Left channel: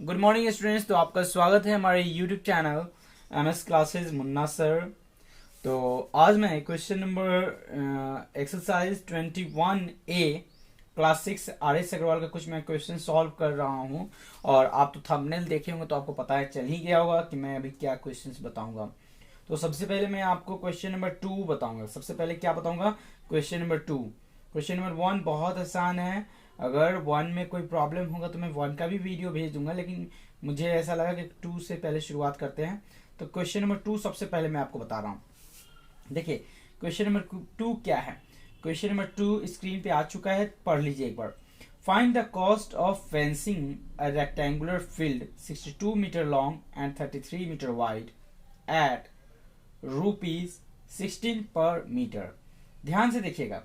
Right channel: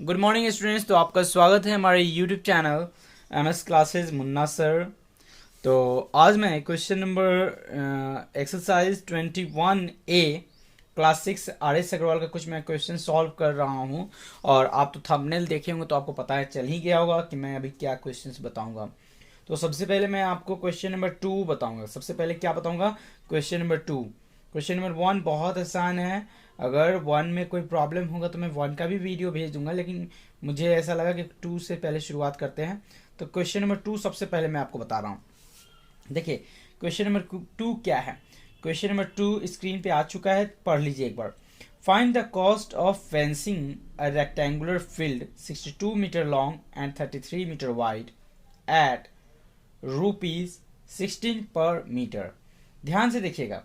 Good morning students. तो आपका स्वागत है हमारे YouTube channel MS classes Munna sir. तो आज मैं question number exercise 21A class 6 R S Agarwal का कुछ मैं क्वेश्चन सॉल्व कर रहा हूं। और आप तो थंबनेल देखे होंगे तो आपको पता है चल ही गया होगा कि मैं अभी क्या क्वेश्चंस बताऊंगा। तो सबसे पहले मैं आपको क्वेश्चन नंबर 2 बताऊंगा। सबसे पहले क्या बताऊंगा? Question number 2। क्वेश्चन नंबर 1 बहुत आसान है। अगर 1 में कोई प्रॉब्लम होगा तो मैं 1 का भी वीडियो भेज दूंगा, लेकिन मुझे ऐसा लगा कि 2 से पहले शुरुआत करते हैं। तो क्वेश्चन नंबर 2 सबसे पहले मैं आपको बता रहा हूँ। देखिए क्वेश्चन नंबर 2 क्या है। क्वेश्चन नंबर 2 स्क्रीन पे आ चुका है, पढ़ लीजिए एक बार। Find the cost of fencing a rectangular field 62 metre long and 33 meter wide at ₹16 per meter. ध्यान से देखिएगा,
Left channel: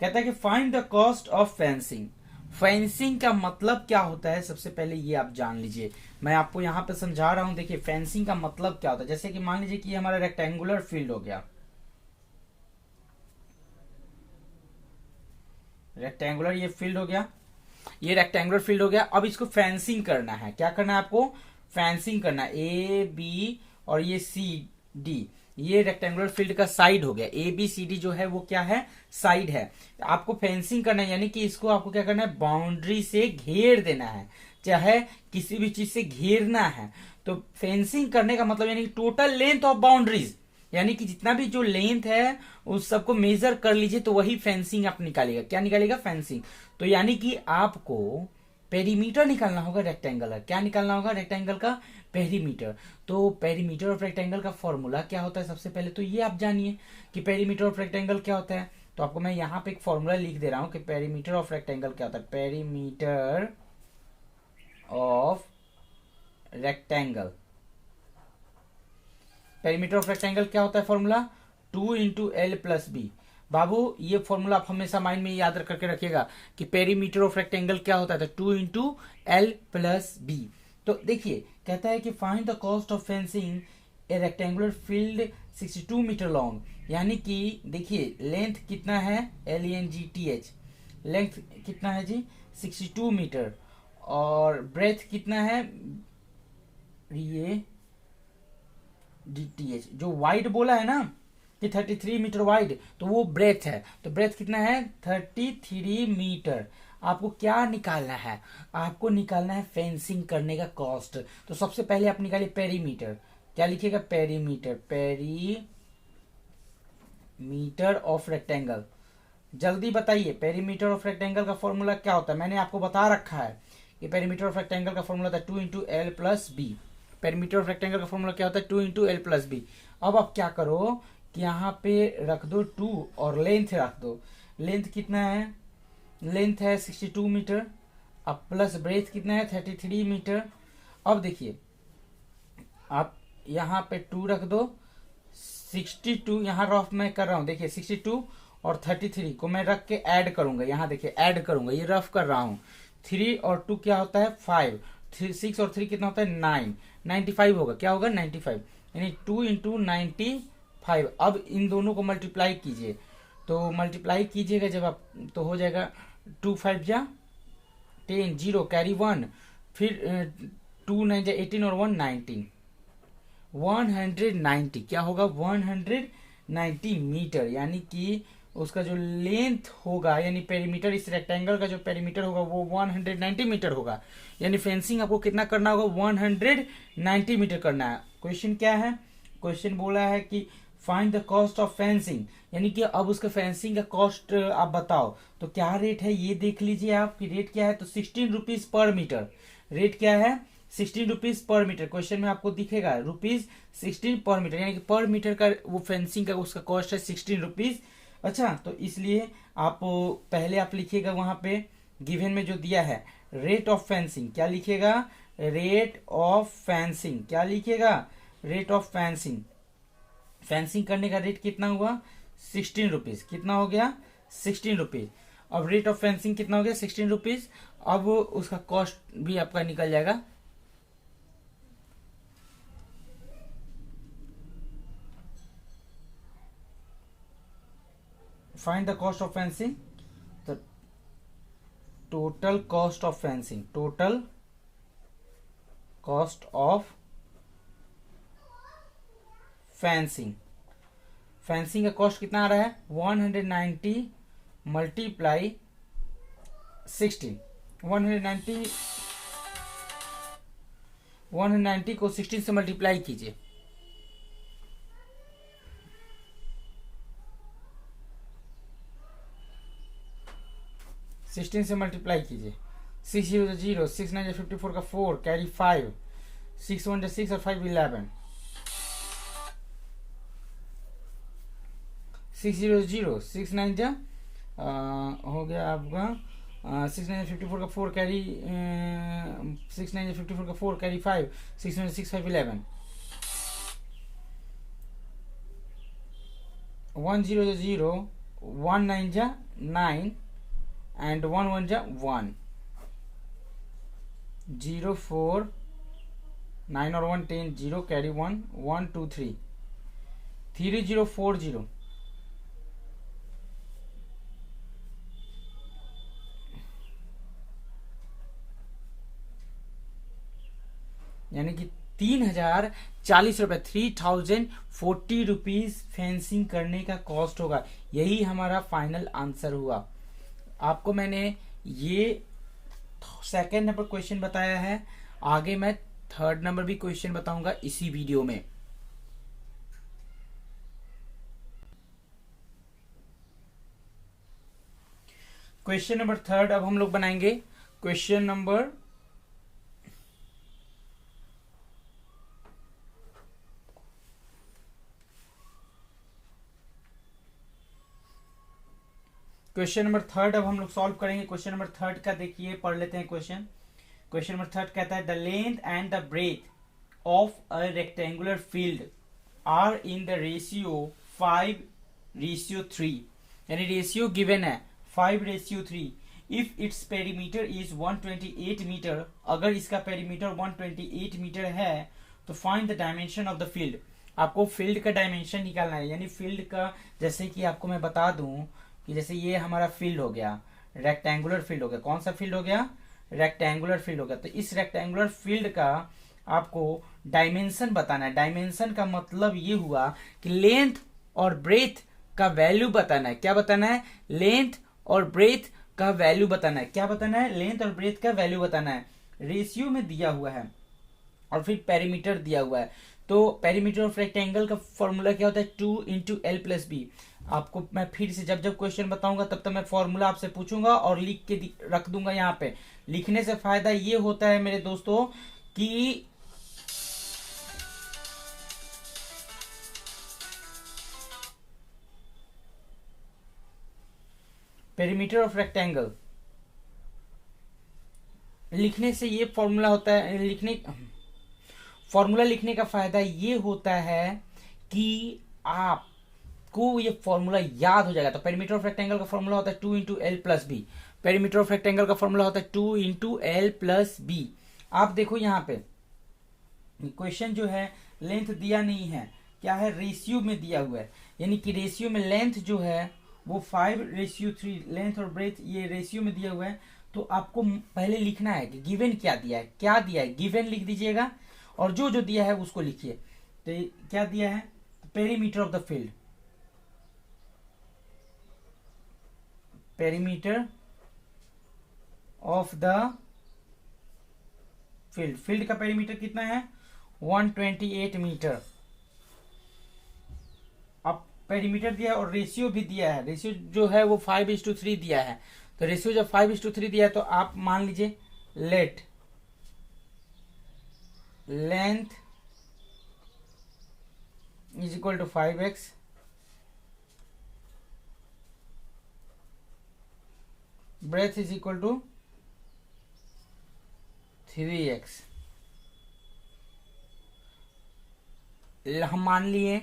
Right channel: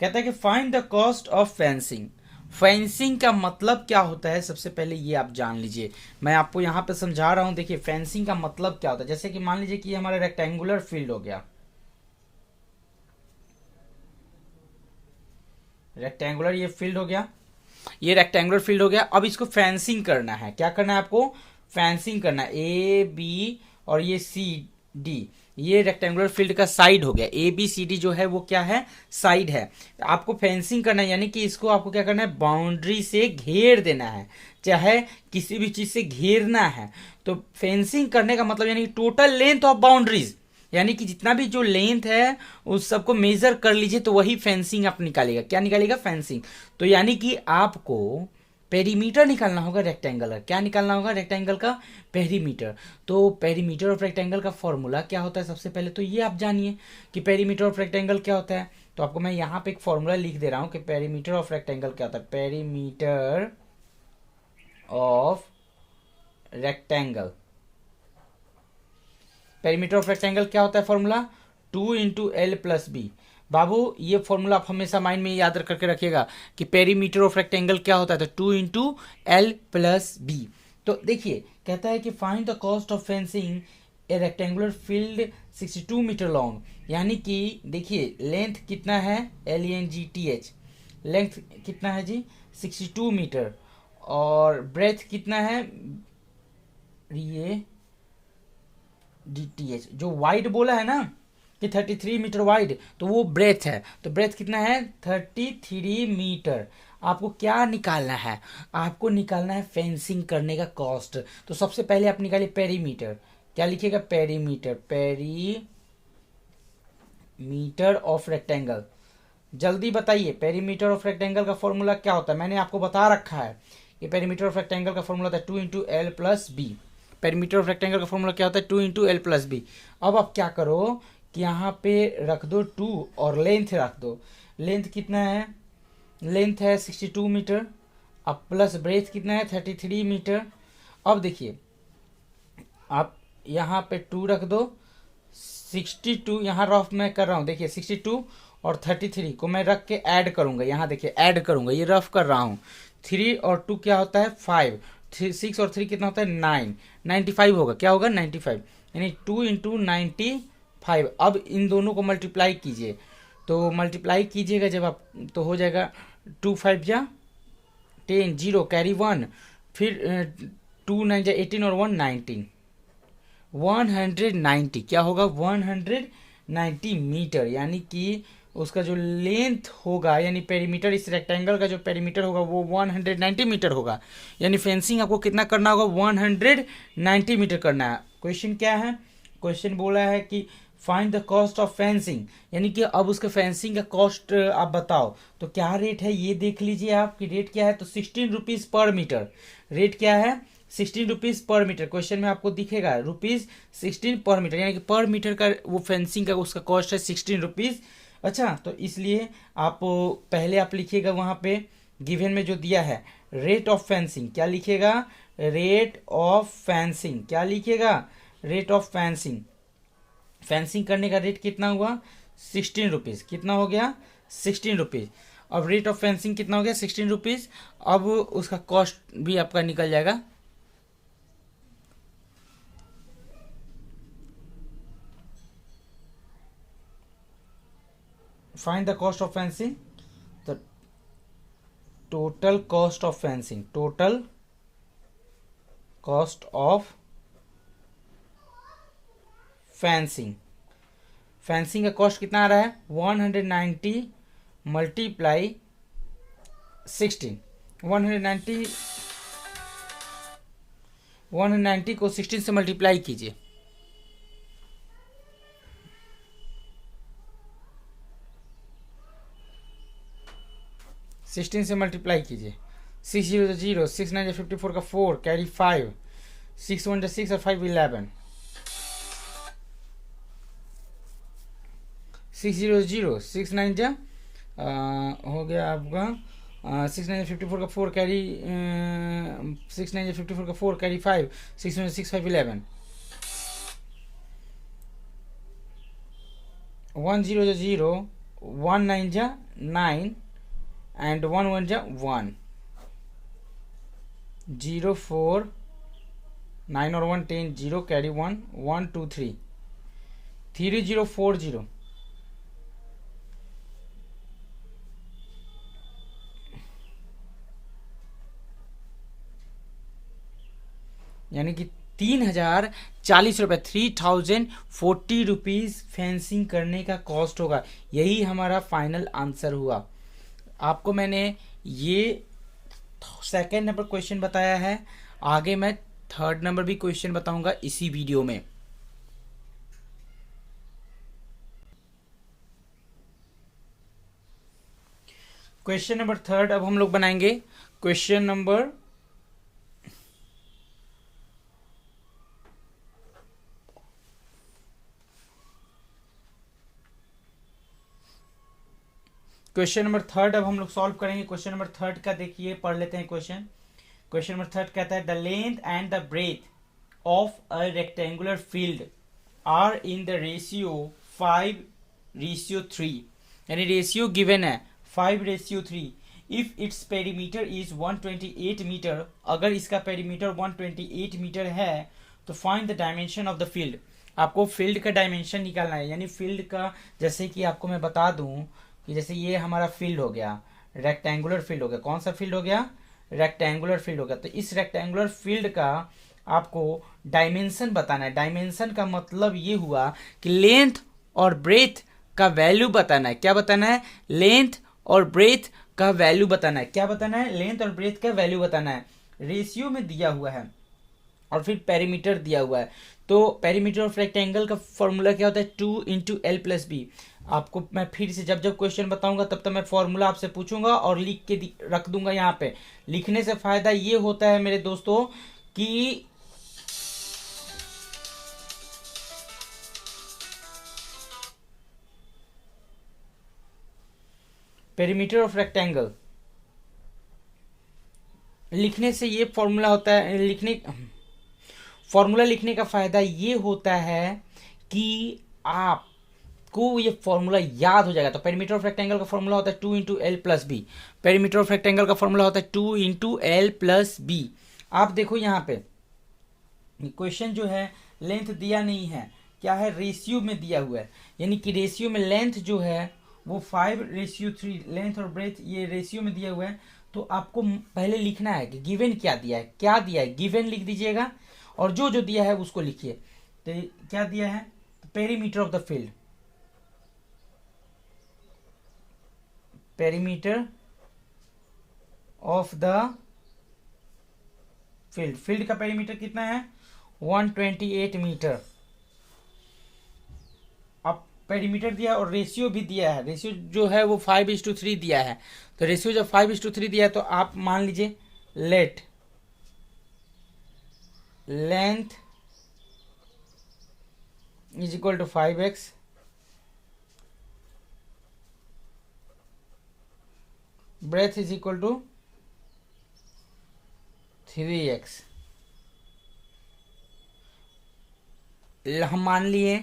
कहता है कि find the cost of fencing. Fencing का मतलब क्या होता है सबसे पहले ये आप जान लीजिए। मैं आपको यहाँ पे समझा रहा हूँ। देखिए फेंसिंग का मतलब क्या होता है। जैसे कि मान लीजिए कि ये हमारा रेक्टेंगुलर फील्ड हो गया, रेक्टेंगुलर ये फील्ड हो गया, ये रेक्टेंगुलर फील्ड हो गया। अब इसको फेंसिंग करना है। क्या करना है आपको? फेंसिंग करना है। ए बी और ये सी डी, ये रेक्टेंगुलर फील्ड का साइड हो गया। ए बी सी डी जो है वो क्या है? साइड है। आपको फेंसिंग करना है, यानी कि इसको आपको क्या करना है? बाउंड्री से घेर देना है, चाहे किसी भी चीज से घेरना है। तो फेंसिंग करने का मतलब यानी टोटल लेंथ ऑफ बाउंड्रीज, यानी कि जितना भी जो लेंथ है उस सबको मेजर कर लीजिए, तो वही फेंसिंग आप निकालेगा। क्या निकालेगा? फेंसिंग। तो यानी कि आपको पेरीमीटर निकालना होगा रेक्टेंगल का। क्या निकालना होगा? रेक्टेंगल का पेरीमीटर। तो पेरीमीटर ऑफ रेक्टेंगल का फॉर्मूला क्या होता है? सबसे पहले तो ये आप जानिए कि पेरीमीटर ऑफ रेक्टेंगल क्या होता है। तो आपको मैं यहाँ पे एक फॉर्मूला लिख दे रहा हूँ कि पेरीमीटर ऑफ रेक्टेंगल क्या होता है। Perimeter of rectangle, perimeter of rectangle क्या होता है? Formula 2 × L + B। बाबू ये फॉर्मूला आप हमेशा माइंड में याद करके रखिएगा कि पेरीमीटर ऑफ रेक्टेंगल क्या होता है। तो 2 × L + B। तो देखिए कहता है कि find the cost of fencing a rectangular field 62 metre long. यानी कि देखिए लेंथ कितना है? LENGTH, लेंथ कितना है जी? 62 मीटर। और ब्रेथ कितना है? ये DTH जो वाइड बोला है ना कि 33 मीटर वाइड, तो वो ब्रेथ है। तो ब्रेथ कितना है? 33 मीटर। आपको क्या निकालना है? आपको निकालना है फेंसिंग करने का कॉस्ट। तो सबसे पहले आप निकालिए पेरीमीटर। क्या लिखिएगा? Perimeter, perimeter of rectangle. जल्दी बताइए पेरीमीटर ऑफ रेक्टेंगल का फॉर्मूला क्या होता है। मैंने आपको बता रखा है कि पेरीमीटर ऑफ रेक्टेंगल का फॉर्मूला होता है 2 × L + B। Perimeter of rectangle का फॉर्मूला क्या होता है? 2 × L + B। अब आप क्या करो कि यहाँ पे रख दो 2 और लेंथ रख दो। लेंथ कितना है? लेंथ है 62 मीटर। अब प्लस ब्रेथ कितना है? 33 मीटर। अब देखिए आप यहाँ पे 2 रख दो। 62 यहाँ रफ मैं कर रहा हूँ, देखिए 62 और 33 को मैं रख के ऐड करूंगा। यहाँ देखिए ऐड करूंगा, ये रफ कर रहा हूँ। 3 और 2 क्या होता है? 5। 6 और 3 कितना होता है? 9। 95 होगा। क्या होगा? 95, यानी 2 × 95। अब इन दोनों को मल्टीप्लाई कीजिए। तो मल्टीप्लाई कीजिएगा जब आप, तो हो जाएगा 2 5 जा 10, 0 कैरी 1, फिर 2 9 जा 18 और 1 19। 190 क्या होगा? 190 मीटर। यानी कि उसका जो लेंथ होगा, यानी पेरीमीटर, इस रेक्टेंगल का जो पेरीमीटर होगा वो 190 मीटर होगा। यानी फेंसिंग आपको कितना करना होगा? 190 मीटर करना है। क्वेश्चन क्या है? क्वेश्चन बोला है कि find the cost of fencing, यानी कि अब उसका फेंसिंग का कॉस्ट आप बताओ। तो क्या रेट है ये देख लीजिए आप कि रेट क्या है। तो 16 रुपीज पर मीटर। रेट क्या है? 16 रुपीज पर मीटर। क्वेश्चन में आपको दिखेगा ₹16 पर मीटर, यानी कि पर मीटर का वो फेंसिंग का उसका कॉस्ट है 16 रुपीज। अच्छा, तो इसलिए आप पहले आप लिखिएगा वहां पे गिवन में जो दिया है रेट ऑफ फेंसिंग। क्या लिखिएगा? Rate of fencing. क्या लिखिएगा? Rate of fencing. फेंसिंग करने का रेट कितना हुआ? 16 रुपीज। कितना हो गया? 16 रुपीज। अब रेट ऑफ फेंसिंग कितना हो गया? 16 रुपीज। अब उसका कॉस्ट भी आपका निकल जाएगा। Find the cost of fencing. The total cost of fencing, total cost of fencing. Fencing का कॉस्ट कितना आ रहा है 190 मल्टीप्लाई 16। 190 को 16 से मल्टीप्लाई कीजिए। 16 से मल्टीप्लाई कीजिए। 6 0 0, 6 9 54 का 4 कैरी 5, 6 1 6 और 5 11, 6 0 0, 6 9 हो गया आपका 6 9 54 का 4 कैरी 6 9 54 का 4 कैरी 5, 6 1 6 5 11, 1 0 0, 1 9 9 and 1 1 1, 0 4 9 और 1 10, 0 कैरी 1 1 2 3, 3 0 4 0, यानी कि 3040 रुपये 3040 रुपीज फेंसिंग करने का कॉस्ट होगा। यही हमारा फाइनल आंसर हुआ। आपको मैंने ये सेकंड नंबर क्वेश्चन बताया है, आगे मैं थर्ड नंबर भी क्वेश्चन बताऊंगा इसी वीडियो में। क्वेश्चन नंबर थर्ड अब हम लोग बनाएंगे। क्वेश्चन नंबर थर्ड अब हम लोग सॉल्व करेंगे। क्वेश्चन नंबर थर्ड का देखिए, पढ़ लेते हैं क्वेश्चन। क्वेश्चन नंबर थर्ड कहता है the length and the breadth of a rectangular field are in the ratio 5:3, यानी रेशियो गिवन है 5:3। If its perimeter is 128 metre, अगर इसका पेरीमीटर 128 मीटर है तो find the dimension of the field. आपको field का डायमेंशन निकालना है, यानी फील्ड का, जैसे कि आपको मैं बता दूं कि जैसे ये हमारा फील्ड हो गया, रेक्टेंगुलर फील्ड हो गया। कौन सा फील्ड हो गया? रेक्टेंगुलर फील्ड हो गया। तो इस रेक्टेंगुलर फील्ड का आपको डायमेंशन बताना है। डायमेंशन का मतलब ये हुआ कि लेंथ और ब्रेथ का वैल्यू बताना है। क्या बताना है? लेंथ और ब्रेथ का वैल्यू बताना है। क्या बताना है? लेंथ और ब्रेथ का वैल्यू बताना है। रेशियो में दिया हुआ है और फिर पेरीमीटर दिया हुआ है। तो पेरीमीटर ऑफ रेक्टेंगल का फॉर्मूला क्या होता है? 2 × L + B। आपको मैं फिर से जब जब क्वेश्चन बताऊंगा तब तक मैं फॉर्मूला आपसे पूछूंगा और लिख के रख दूंगा यहाँ पे। लिखने से फायदा ये होता है मेरे दोस्तों कि पेरीमीटर ऑफ रेक्टेंगल लिखने से ये फॉर्मूला होता है, फॉर्मूला लिखने का फायदा ये होता है कि आपको ये फॉर्मूला याद हो जाएगा। तो पेरीमीटर ऑफ रेक्टेंगल का फॉर्मूला होता है 2 × L + B। Perimeter of rectangle का फॉर्मूला होता है 2 × L + B। आप देखो यहाँ पे क्वेश्चन जो है लेंथ दिया नहीं है, क्या है? रेशियो में दिया हुआ है, यानी कि रेशियो में लेंथ जो है वो 5:3, लेंथ और ब्रेथ ये रेशियो में दिया हुआ है। तो आपको पहले लिखना है कि गिवन क्या दिया है। क्या दिया है? गिवन लिख दीजिएगा और जो जो दिया है उसको लिखिए। तो क्या दिया है? Perimeter of the field, perimeter of the field, field का पेरीमीटर कितना है? 128 मीटर। अब पेरीमीटर दिया और रेशियो भी दिया है। रेशियो जो है वो 5:3 दिया है। तो रेशियो जब 5:3 दिया है तो आप मान लीजिए let length is equal to 5x, breadth is equal to 3x। हम मान लिए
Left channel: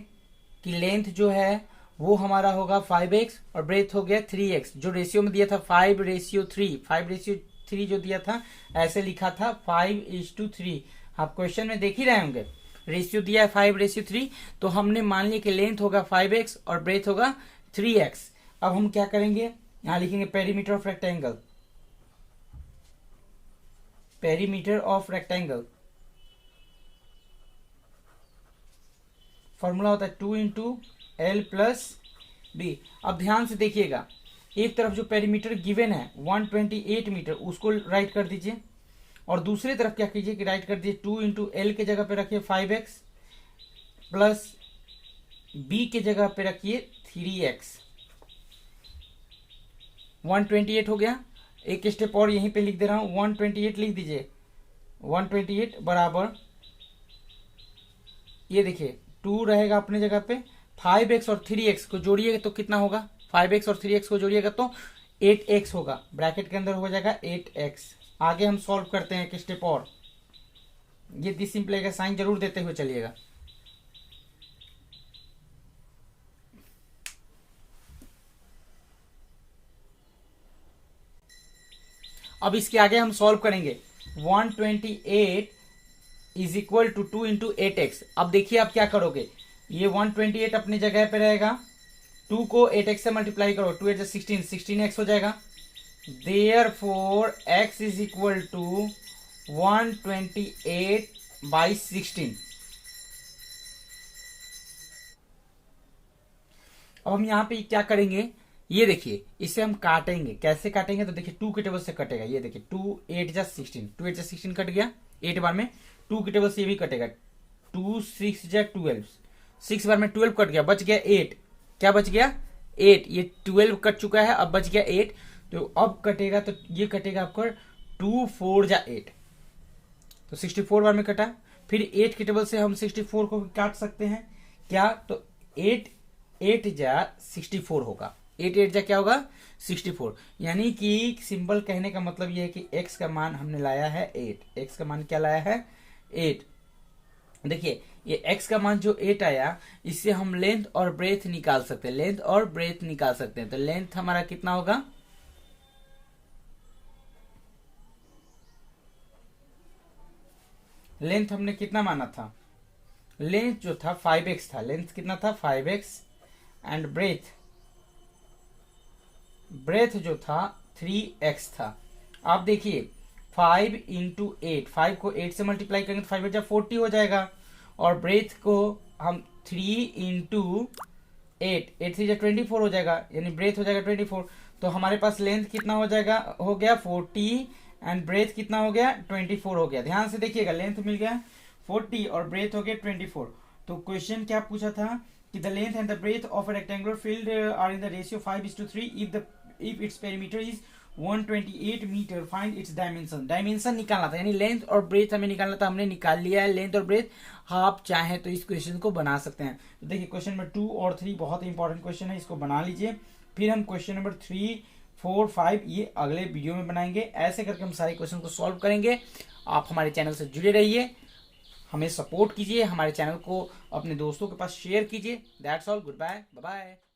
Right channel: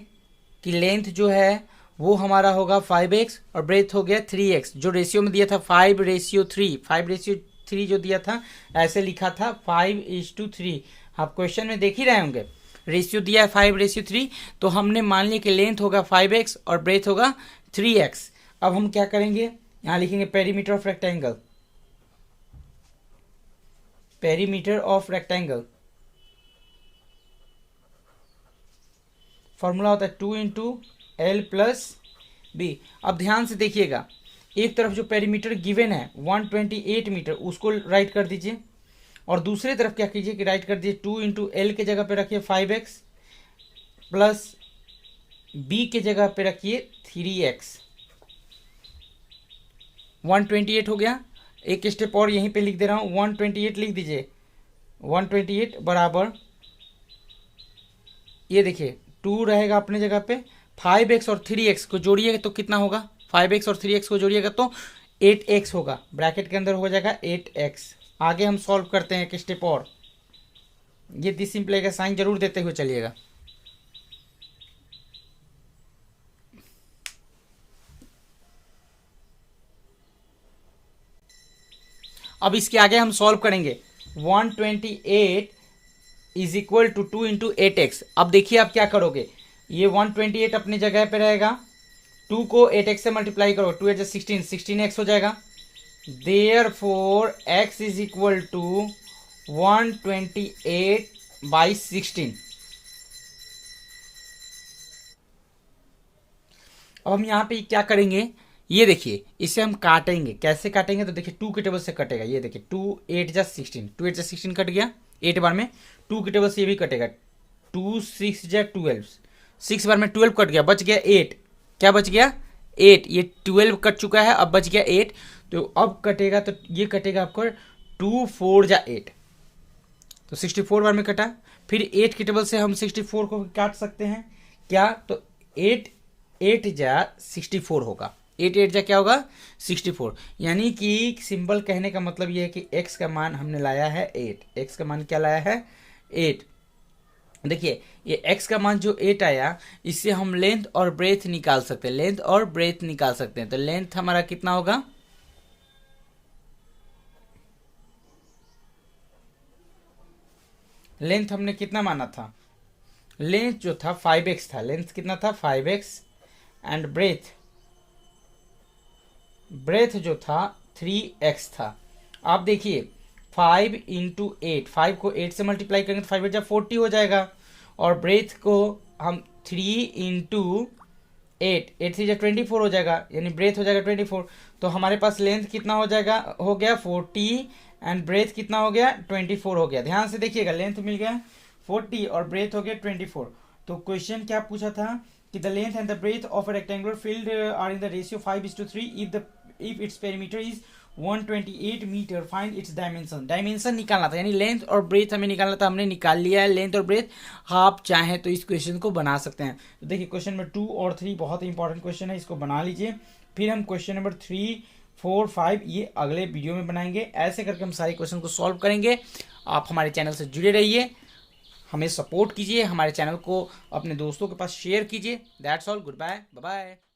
कि लेंथ जो है वो हमारा होगा 5x और ब्रेथ हो गया 3x। जो रेशियो में दिया था 5:3, 5:3 जो दिया था ऐसे लिखा था 5:3। आप क्वेश्चन में देख ही रहे होंगे रेशियो दिया है 5:3। तो हमने मान लिया कि लेंथ होगा 5x और ब्रेथ होगा 3x। अब हम क्या करेंगे? यहाँ लिखेंगे perimeter of rectangle, perimeter of rectangle formula होता है 2 इंटू एल प्लस बी। अब ध्यान से देखिएगा, एक तरफ जो पेरीमीटर गिवन है 128 मीटर उसको राइट कर दीजिए, और दूसरी तरफ क्या कीजिए कि राइट कर दीजिए 2 इंटू एल के जगह पे रखिए 5x प्लस बी के जगह पे रखिए 3x। 128 हो गया। एक स्टेप और यहीं पे लिख दे रहा हूं, 128 लिख दीजिए। 128 बराबर ये देखिए 2 रहेगा अपने जगह पे, 5x और 3x को जोड़िएगा तो कितना होगा, 5x और 3x को जोड़िएगा तो 8x होगा, ब्रैकेट के अंदर हो जाएगा 8x। आगे हम सॉल्व करते हैं एक स्टेप और, ये डिसिम्पल का साइन जरूर देते हुए चलिएगा। अब इसके आगे हम सॉल्व करेंगे 128 is equal to 2 into 8x। अब देखिए आप क्या करोगे, ये 128 अपनी जगह पे रहेगा, 2 को 8x से मल्टीप्लाई करो, 2 8 16, 16x हो जाएगा। Therefore x is equal to 128 by 16। अब हम यहाँ पे क्या करेंगे, ये देखिए इसे हम काटेंगे, कैसे काटेंगे तो देखिए 2 के टेबल से कटेगा, ये देखिए 2 8 जा 16, 2 8 जा 16 कट गया 8 बार में, 2 के टेबल से ये भी कटेगा, 2 6 जा 12, 6 बार में 12 कट गया, बच गया 8। क्या बच गया 8, ये 12 कट चुका है, अब बच गया 8। तो अब कटेगा तो ये कटेगा आपको 2 4 जा 8, तो 64 बार में कटा। फिर 8 के टेबल से हम 64 को काट सकते हैं क्या, तो 8 8 जा 64 होगा, 8 8 जा क्या होगा 64। यानी कि सिंबल कहने का मतलब ये है कि x का मान हमने लाया है 8, x का मान क्या लाया है 8। देखिए ये x का मान जो 8 आया, इससे हम लेंथ और ब्रेथ निकाल सकते हैं, लेंथ और ब्रेथ निकाल सकते हैं। तो लेंथ हमारा कितना होगा, लेंथ हमने कितना माना था, लेंथ जो था 5x था, लेंथ कितना था 5x, एंड ब्रेथ जो था 3x था। आप देखिए 5 इंटू 8, 5 को 8 से मल्टीप्लाई करेंगे तो 5 8 40 हो जाएगा, और ब्रेथ को हम 3 इंटू 8, 8 3 24 हो जाएगा, यानी ब्रेथ हो जाएगा 24। तो हमारे पास लेंथ कितना हो जाएगा, हो गया 40, एंड ब्रेथ कितना हो गया 24 हो गया। ध्यान से देखिएगा, लेंथ मिल गया 40 और ब्रेथ हो गया 24। तो क्वेश्चन क्या पूछा था कि the length and the breadth of a rectangular field are in the ratio 5:3 if its perimeter is 128 metre, find its dimension. Dimension निकालना था, यानी लेंथ और ब्रेथ हमें निकालना था, हमने निकाल लिया है लेंथ और ब्रेथ। आप चाहें तो इस क्वेश्चन को बना सकते हैं। तो देखिए क्वेश्चन नंबर 2 और 3 बहुत ही इंपॉर्टेंट क्वेश्चन है, इसको बना लीजिए। फिर हम क्वेश्चन नंबर 3 4 5 ये अगले वीडियो में बनाएंगे। ऐसे करके हम सारे क्वेश्चन को सॉल्व करेंगे। आप हमारे चैनल से जुड़े रहिए, हमें सपोर्ट कीजिए, हमारे चैनल को अपने दोस्तों के पास शेयर कीजिए। That's all, good bye, bye bye.